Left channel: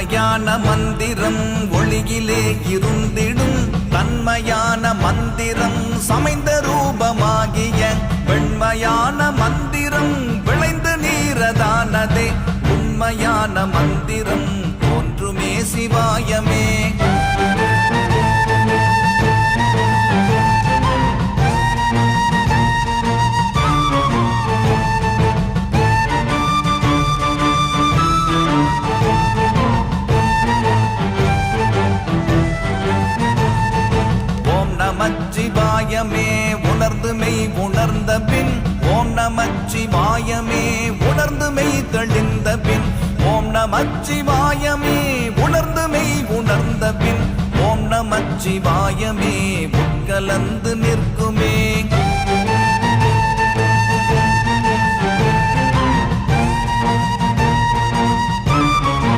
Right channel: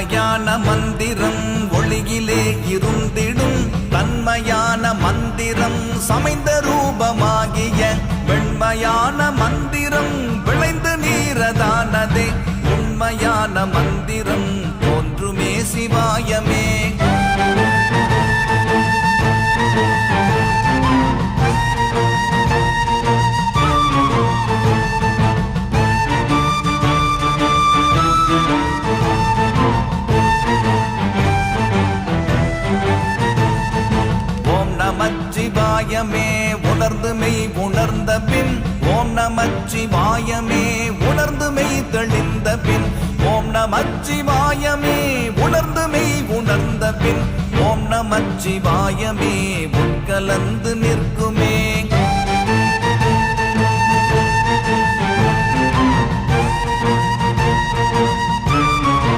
உண்மையான மந்திரம் ஒளியிலே இருந்திடும் தன்மையான மந்திரம் சமைந்த ரூபமாகிய வெண்மையான மந்திரம் விளைந்து நீரதானது உண்மையான மந்திரம் தோன்றுமே சிவாயமே. நமச்சிவாயமே உணர்ந்து மெய் உணர்ந்த பின் ஓம் நமச்சிவாயமே உணர்ந்து மெய் தெளிந்த பின் ஓம் நமச்சிவாயமே